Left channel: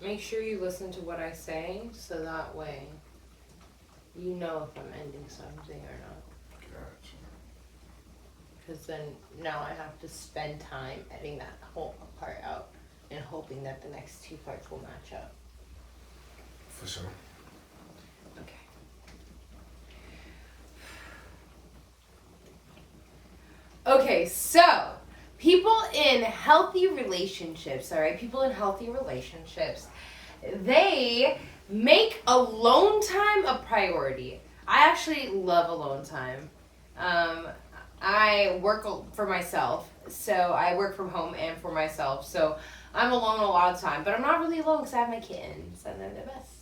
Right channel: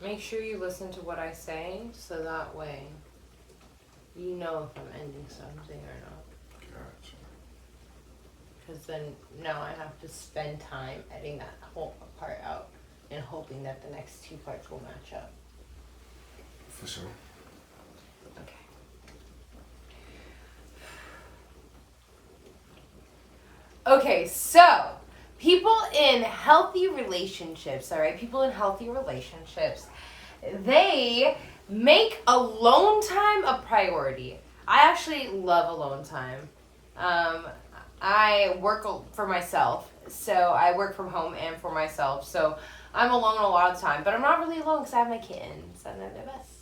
Make sure you listen to what I say, so that way you know if I'm ending something or not. Gotcha. Because then now I have to spend time editing that whole part out and hoping that the next two parts will match up. For sure. Okay. Okay, so people in healthy relationships, all right? People in healthy relationships, they make alone time a priority. I actually love alone time. I work for myself, so I work from home and for myself, so I'm alone a lot of time, but I'm not really alone because I have my kittens, and they're the best.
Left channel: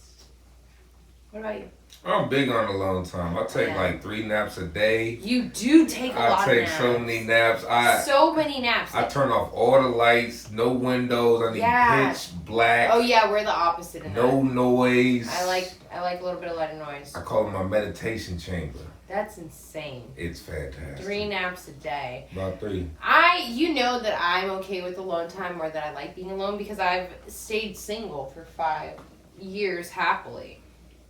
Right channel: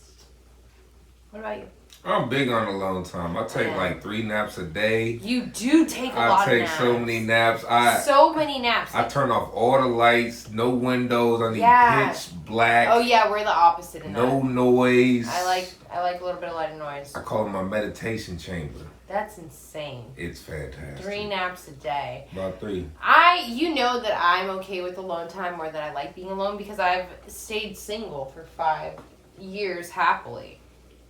What about you? I'm big on alone time. I take like 3 naps a day. You do take a lot of naps. I take so many naps. So many naps. I turn off all the lights, no windows. I need pitch black. Oh yeah, we're the opposite in that. No noise. I like a little bit of light and noise. I call it my meditation chamber. That's insane. It's fantastic. 3 naps a day. About 3. You know that I'm okay with alone time, or that I like being alone, because I've stayed single for 5 years happily.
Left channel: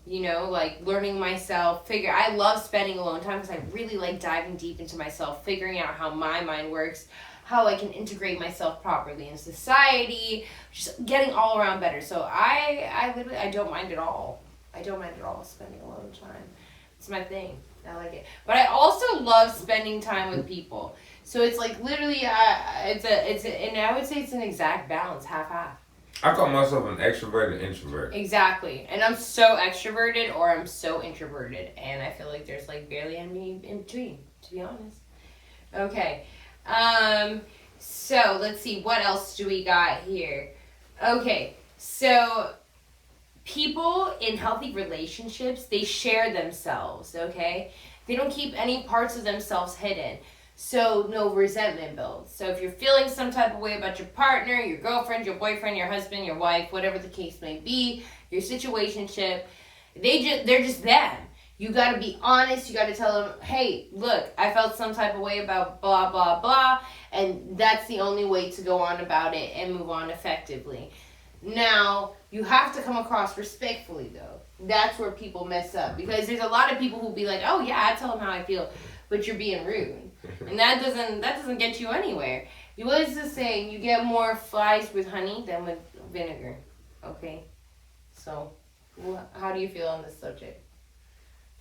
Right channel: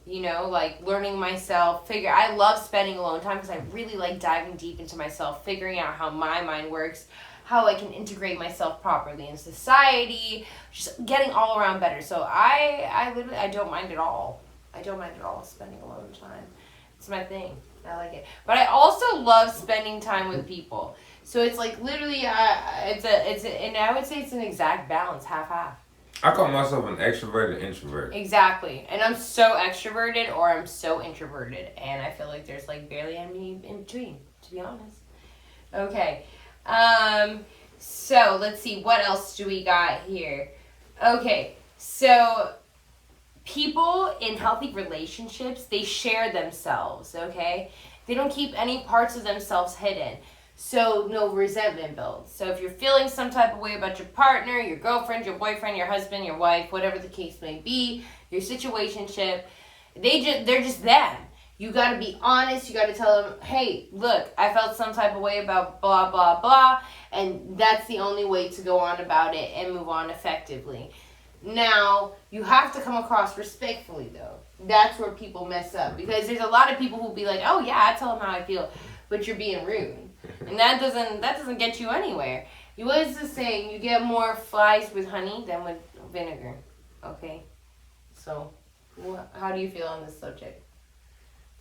You know, like learning myself, I love spending alone time because I really like diving deep into myself, figuring out how my mind works, how I can integrate myself properly in society, just getting all around better. So I don't mind at all. I don't mind at all spending alone time. It's my thing. I like it. But I also love spending time with people. So it's like literally, and I would say it's an exact balance, half-half. I call myself an extroverted introvert. Exactly. And I'm so extroverted or I'm so introverted. And I feel like there's like barely any in between, to be honest. Okay. So let's see. What else do we got here? Okay. So people in healthy relationships, they share themselves, okay? They don't keep any parts of themselves hidden. So no resentment builds. So if you're feeling some type of way about your partner, your girlfriend, your boyfriend, your husband, your wife, whatever the case may be, your situationship, they're just them. You got to be honest. You got to tell them, hey, look, I felt some type of way about blah, blah, blah. And that's the only way to go on about it and move on effectively. Now, you have to come across respectfully, though. That's where people mess up. Because there's a lot of people who'll be like, oh, yeah, I tell them how I feel. But you're being rude. And that doesn't get you anywhere. What is the saying? You get more flies with honey than with vinegar. Okay? So, how do you feel on this subject?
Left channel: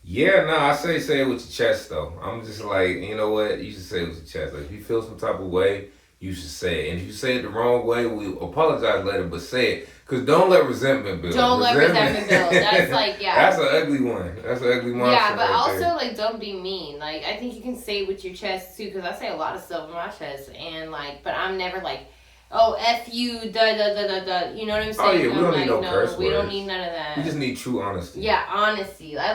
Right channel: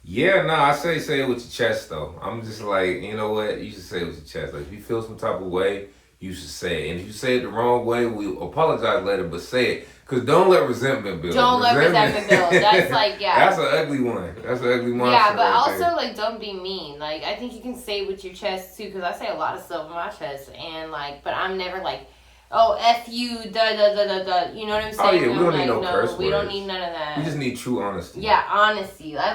Yeah, no, I say it with your chest, though. I'm just like, you know what? You should say it with your chest. Like, if you feel some type of way, you should say it. And if you say it the wrong way, we apologize later, but say it. Because don't let resentment build. Let resentment build. That's like, yeah. That's an ugly one. That's an ugly one. Yeah, but also, like, don't be mean. Like, I think you can say it with your chest, too, because I say a lot of stuff with my chest. And, like, but I'm never like, oh, F you, da, da, da, da, da. You know what I'm saying? Oh, yeah, we don't need no curse words. We don't need none of that. We just need true honesty. Yeah, honesty. I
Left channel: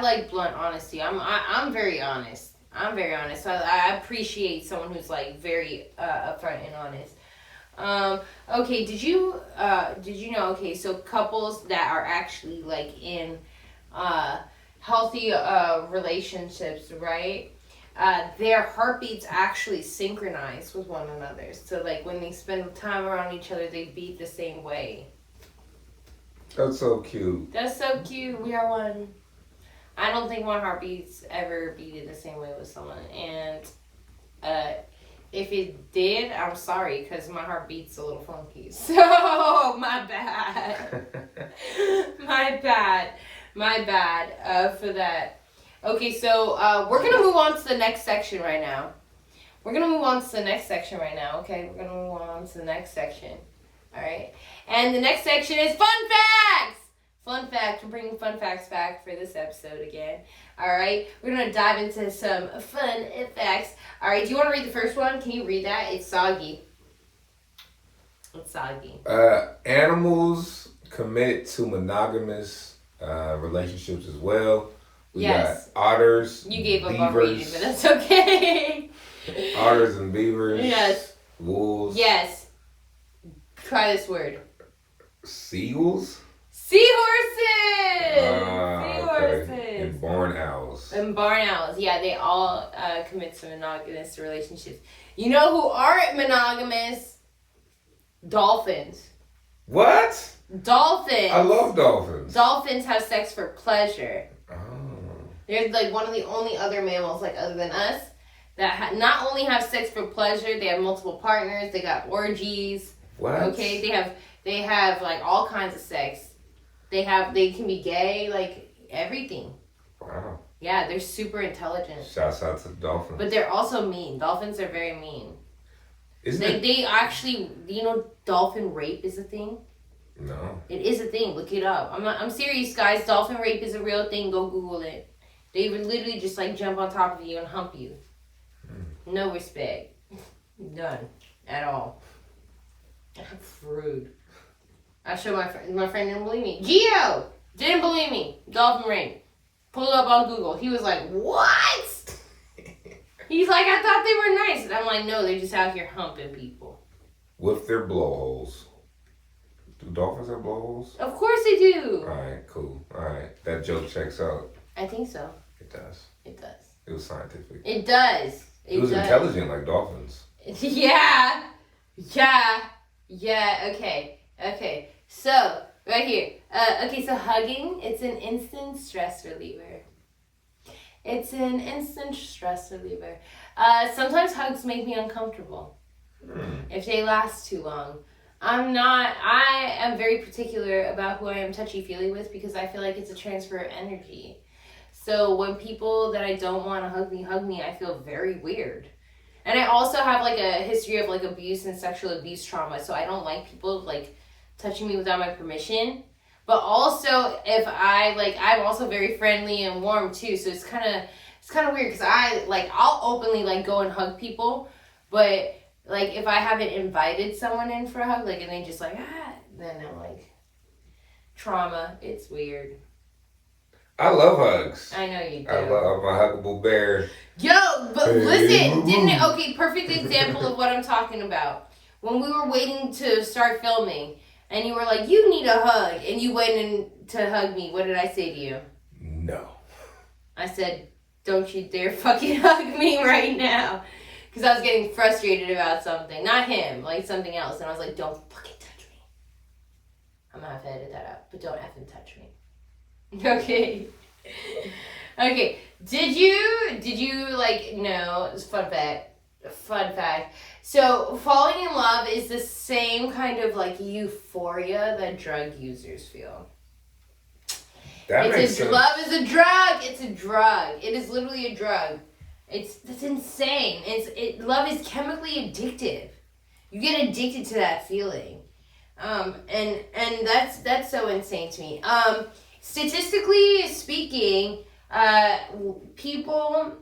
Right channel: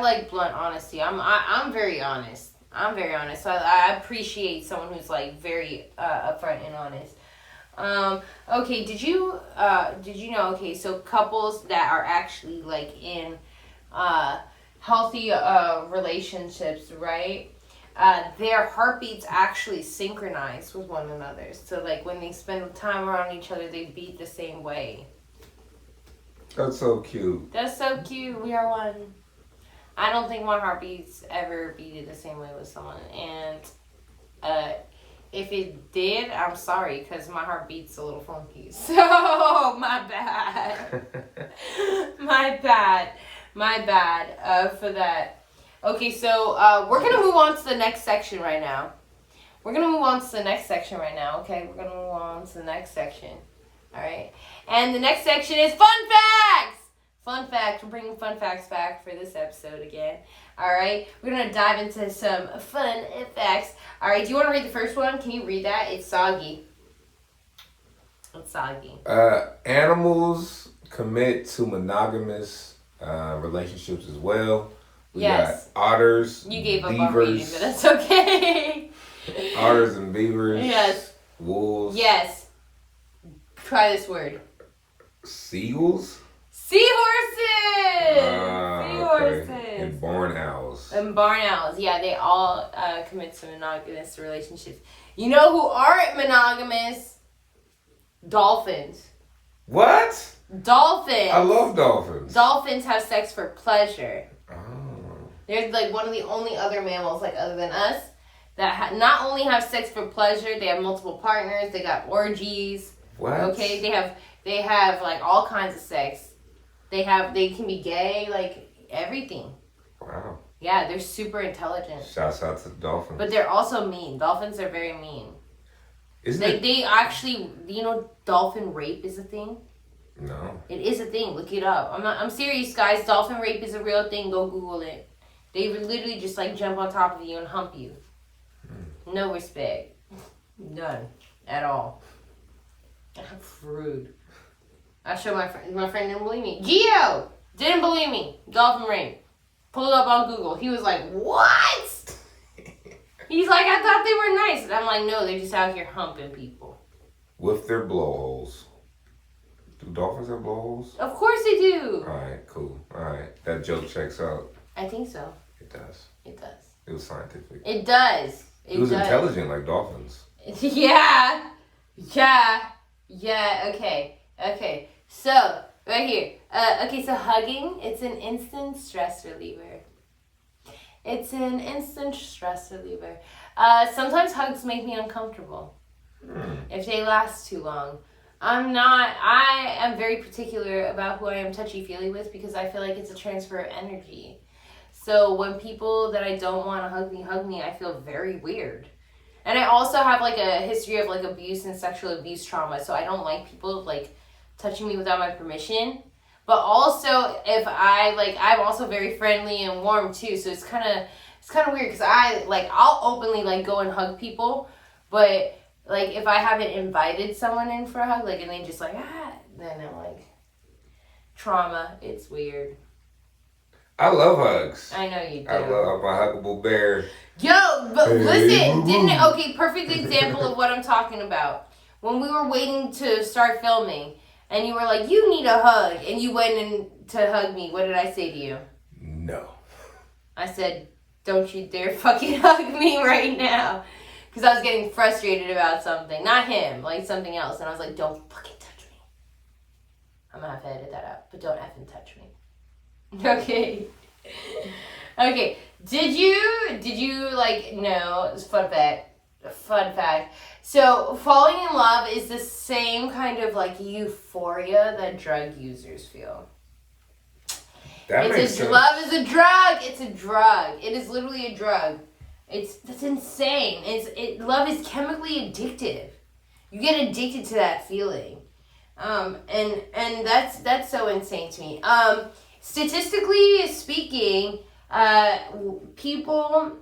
like blunt honesty. I'm very honest. I'm very honest. So I appreciate someone who's, like, very upfront and honest. Okay, did you know, okay, so couples that are actually, like, in healthy relationships, right, their heartbeats actually synchronize with one another. So, like, when they spend time around each other, they beat the same way. That's so cute. That's so cute. We are one. I don't think my heartbeats ever beat the same way with someone, and if it did, I'm sorry, because my heart beats a little funky. So, my bad. My bad for that. Okay, so we're going to move on to the next section right now. Okay, we're going to move on to the next section. All right? And the next section is fun facts! Fun facts. We're bringing fun facts back for this episode again. All right? We're going to dive into some fun facts. All right, do you want to read the first one? Can you read that? It's soggy. Animals commit to monogamous relationships as well. We got otters, you gave beavers. Up on reading, but that's okay. Otters and beavers. Yes. Wolves. Yes. Try this word. Seagulls. Seahorses! Seahorses! Okay. And barn owls. Yeah, they all commit to monogamous relationships. You know who aren't monogamous? Dolphins. What? Dolphins. I love dolphins. Dolphins have sex for pleasure. Oh. They're like one of the only other mammals, like other than us, that not only have sex for pleasure, they have multiple partners. They got orgies. What? Okay, they have like all kinds of sex. They can be gay, like everything. Wow. Yeah, they're super intelligent. Shouts out to the dolphins. But they're also mean. Dolphins are very mean. Isn't it? They actually, dolphin rape is a thing. No. It is a thing. Look it up. I'm serious, guys. Dolphin rape is a real thing. Go Google it. They would literally just like jump on top of you and hump you. No respect. None. At all. Rude. I showed my friend. My friend didn't believe me. Gio! Didn't believe me. Dolphin rape. Pulled up on Google. He was like, what? He's like, I thought they were nice. And I'm like, no, they're just out here humping people. With their blowholes. Do dolphins have blowholes? Of course they do. Alright, cool. Alright. That joke checks out. I think so. It does. It does. It was scientific. It does. It was intelligent like dolphins. Yeah. Okay. So, right here. So hugging, it's an instant stress reliever. Sometimes hugs make me uncomfortable if they last too long. I am very particular about who I am touchy-feely with because I feel like it's a transfer of energy. So when people that I don't want to hug me, I feel very weird. And I also have like a history of like abuse and sexual abuse trauma, so I don't like people like touching me without my permission. But also if I'm also very friendly and warm too, so it's kind of weird because I'll openly like go and hug people, but like if I haven't invited someone in for a hug, like and they just like then I'm like trauma. It's weird. I love hugs. I know you do. I love my huggable bear. Yo, but listen, perfect example of what I'm talking about. When we were waiting to start filming, and you were like, you need a hug, and you went in to hug me, what did I say to you? No. I said, don't you dare fucking hug me right now. Because I was getting frustrated about something. Not him, like something else. And I was like, don't fucking touch me. I'm going to have to edit that out, but don't effing touch me. Okay. Did you know, fun fact. So falling in love is the same kind of like euphoria that drug users feel. That makes sense. Love is a drug. It's a drug. It is literally a drug. That's insane. Love is chemically addictive. You get addicted to that feeling. And that's so insane to me. Statistically speaking, people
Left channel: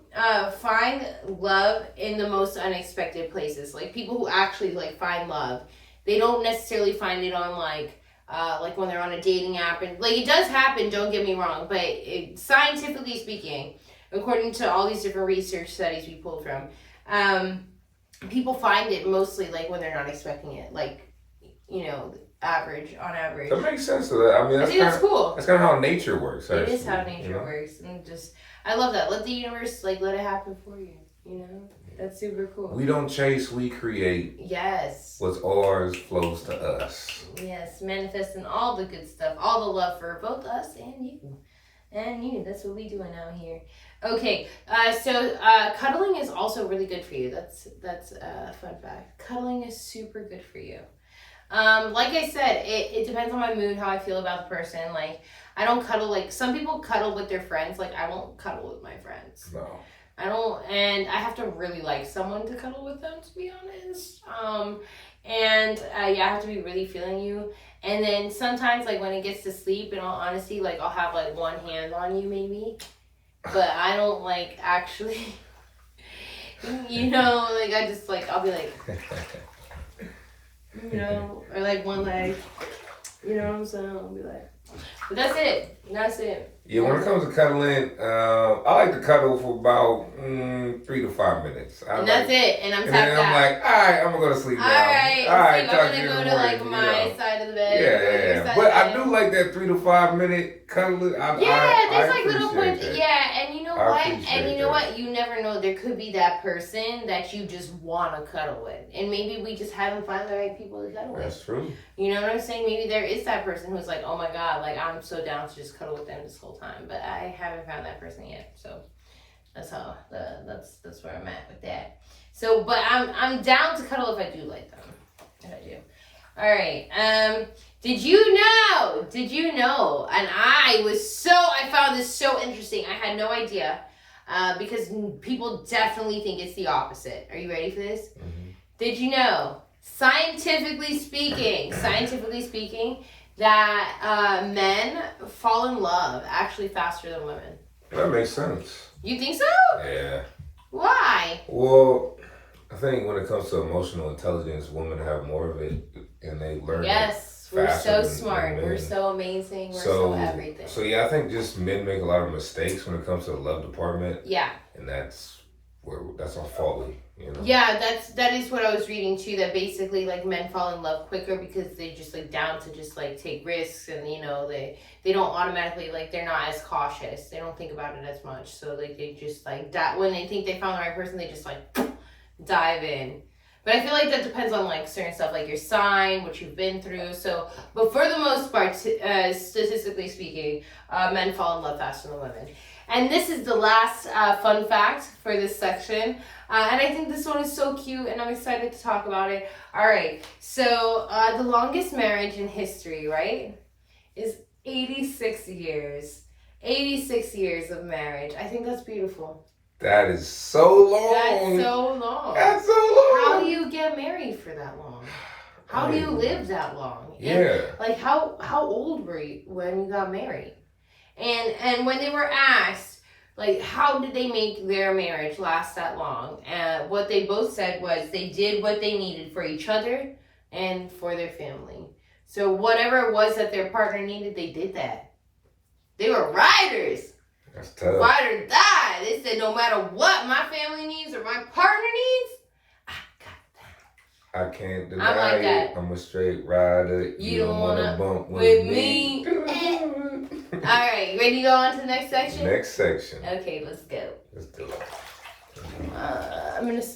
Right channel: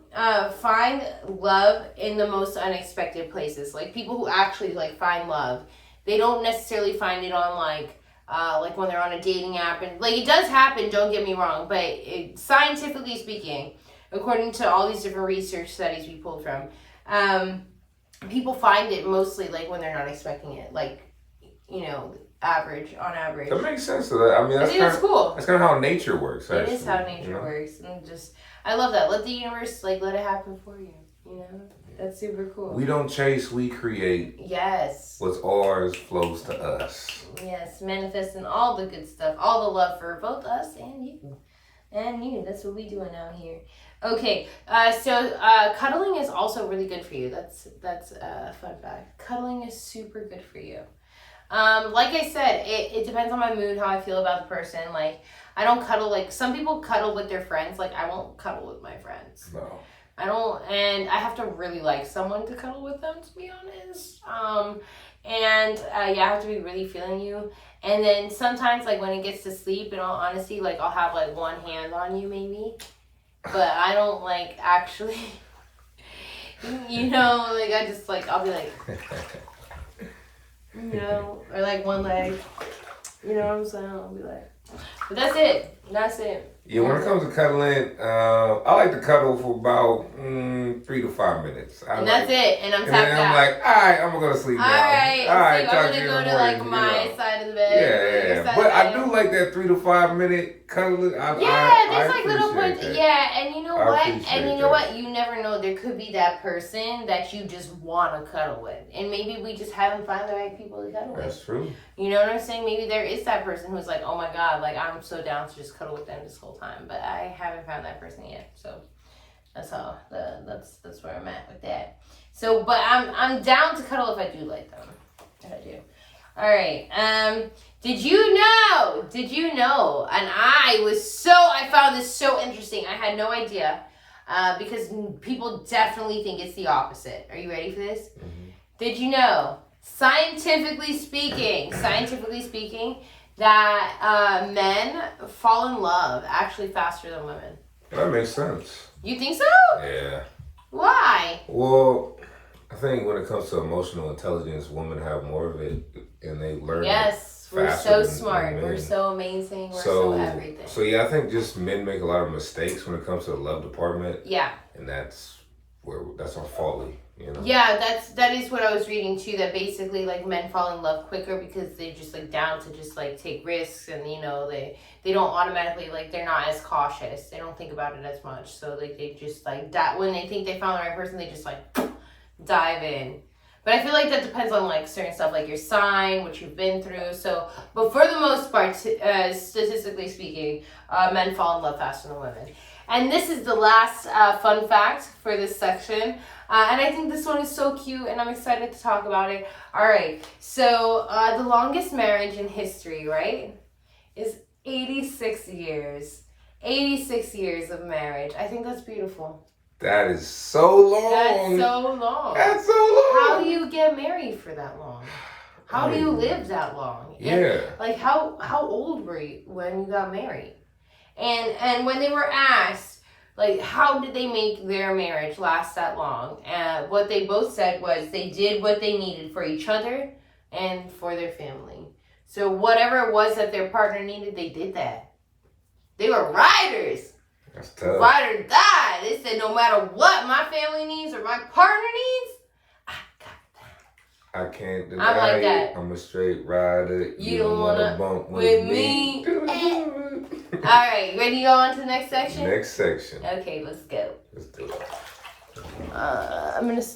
find love in the most unexpected places. Like people who actually like find love, they don't necessarily find it on like when they're on a dating app, and like it does happen. Don't get me wrong, but scientifically speaking, according to all these different research studies we pulled from, people find it mostly like when they're not expecting it. Like on average. That makes sense. That's cool. That's kind of how nature works. Actually. It is how nature works, and I love that. Let the universe let it happen for you. That's super cool. We don't chase, we create. Yes. What's ours flows to us. Yes, manifesting all the good stuff, all the love for both us and you. That's what we doing out here. Okay, so cuddling is also really good for you. That's a fun fact. Cuddling is super good for you. Like I said, it depends on my mood, how I feel about the person. Like, I don't cuddle, like, some people cuddle with their friends. Like, I won't cuddle with my friends. No. I don't, and I have to really like someone to cuddle with them, to be honest. I have to be really feeling you. And then sometimes, like, when it gets to sleep, in all honesty, like, I'll have, like, one hand on you, maybe. But I don't, like, actually, I just, like, I'll be like, or, like, one leg. You know what I'm saying? I'll be like, But that's it. That's it. Yeah, when it comes to cuddling, I like to cuddle for about 3 to 5 minutes. And that's it. And I'm and tapped then I'm out. like, all right, I'm gonna go to sleep now. All right. Talk I'm to gonna you in go the to morning. like my side of the bed. Yeah. But I do like that 3 to 5 minute cuddling. There's like little points. That. Yeah, and you know what? And you know that. what? You never know. There could be that person that you just want to cuddle with, and maybe we just haven't found the right people to cuddle with. That's true. You know what I'm saying? Maybe there is that person who's like, oh my god, like I'm so down to just cuddle with them this whole time, but I haven't found that person yet. So that's how that's where I'm at with that. So, but I'm down to cuddle if I do like them. If I do. All right. Did you know? And I found this so interesting. I had no idea because people definitely think it's the opposite. Are you ready for this? Mm-hmm. Did you know, scientifically speaking, that men fall in love actually faster than women? That makes sense. You think so? Yeah. Why? Well, I think when it comes to emotional intelligence, women have more of it, and they learn. Yes, we're so smart. We're so amazing. We're so everything. So yeah, I think just men make a lot of mistakes when it comes to the love department. Yeah. And that's our fault, you know. Yeah, that is what I was reading too. That basically like men fall in love quicker because they just like down to just like take risks, and you know they don't automatically like they're not as cautious. They don't think about it as much. So like they just like that when they think they found the right person, they just like dive in. But I feel like that depends on like certain stuff, like your sign, what you've been through. So, but for the most part, statistically speaking, men fall in love faster than women. And this is the last fun fact for this section. And I think this one is so cute, and I'm excited to talk about it. All right, so the longest marriage in history, right, is 86 years. 86 years of marriage. I think that's beautiful. That is so long. That's so long. That's so long. How do you get married for that long? How do you live that long? Yeah. And, like how old were you when you got married? And when they were asked, like, how did they make their marriage last that long? What they both said was they did what they needed for each other and for their family. So whatever it was that their partner needed, they did that. They were riders. That's tough. Ride or die. They said no matter what my family needs or my partner needs, I got that. I can't deny I'm like that. I'm a straight rider. You don't wanna bump with me. All right, ready to go on to the next section? Next section. Okay, let's go. Let's do it. I'm gonna start.